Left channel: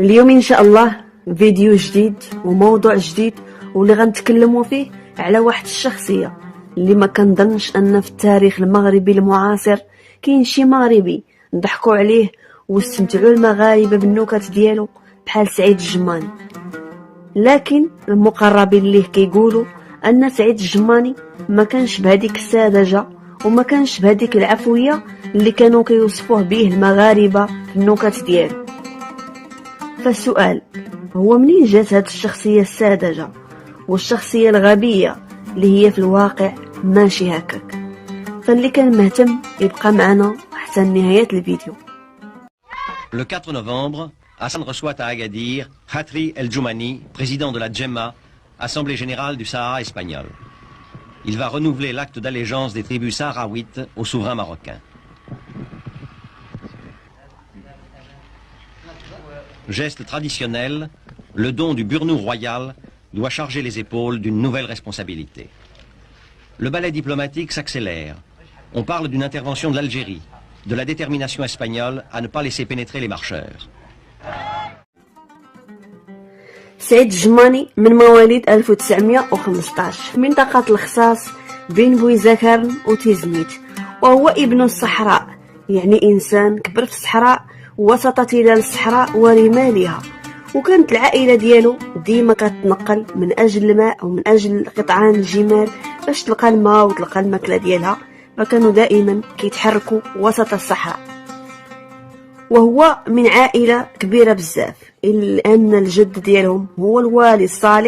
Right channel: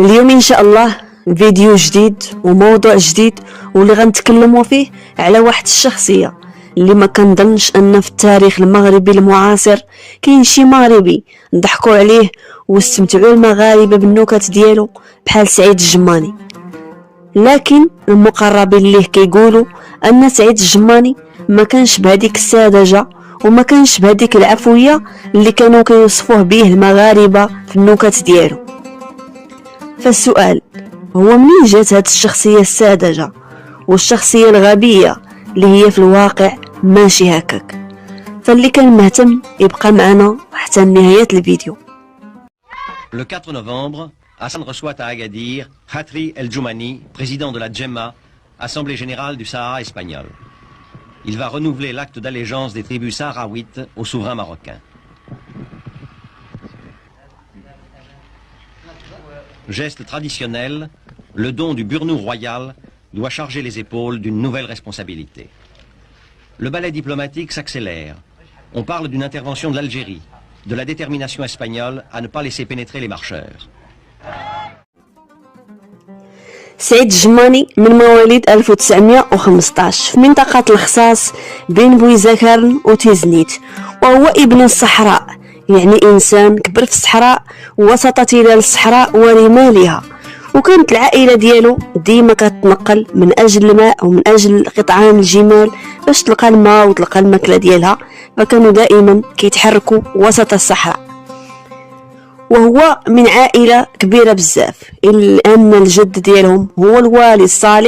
اليوم ان شاء الله فيديو جديد وموضوع جديد واللي غنتكلموا فيه على واحد الشخصيه اللي ما كنظنش ان في التاريخ المغربي المعاصر كاين شي مغربي ضحكوا عليه واستمتعوا المغاربه بالنكت ديالو بحال سعيد الجماني. لكن المقربين ليه كيقولوا ان سعيد الجماني ما كانش بهذيك السذاجه وما كانش بهذيك العفويه اللي كانوا كيوصفوه به المغاربه في النكت ديالو. فالسؤال هو منين جات هاد الشخصية الساذجة والشخصية الغبية اللي هي في الواقع ماشي هكاك؟ فاللي كان مهتم يبقى معنا حتى نهاية الفيديو. Le 4 novembre, Hassan reçoit à Agadir Khatri El Djoumani, président de la Djemma, Assemblée générale du Sahara espagnol. Il va renouveler l'acte d'allégeance des tribus sahraouites au souverain marocain. Geste traditionnel, le don du burnou royal doit charger les épaules d'une nouvelle responsabilité. Le ballet diplomatique s'accélère. On parle d'une intervention de l'Algérie, de la détermination espagnole à ne pas laisser pénétrer les marcheurs. سعيد الجماني من مواليد 1915 في منطقة الخصاص بين بويزاكرن وتيزنيت، وهو ابن الصحراء، يعني إنسان كبر في الصحراء وسط تلال الصحراء ورمالها. وكانت العائلة ديالو ديما كتنقل من أجل الماء ومن أجل قطعان الجمال باش تلقى الماء وتلقى الماكلة ديالها، فكانوا دائما كيتحركوا وسط الصحراء. وهو من عائلة كبيرة بزاف، إلا أن الجد ديالهم هو الوالي الصالح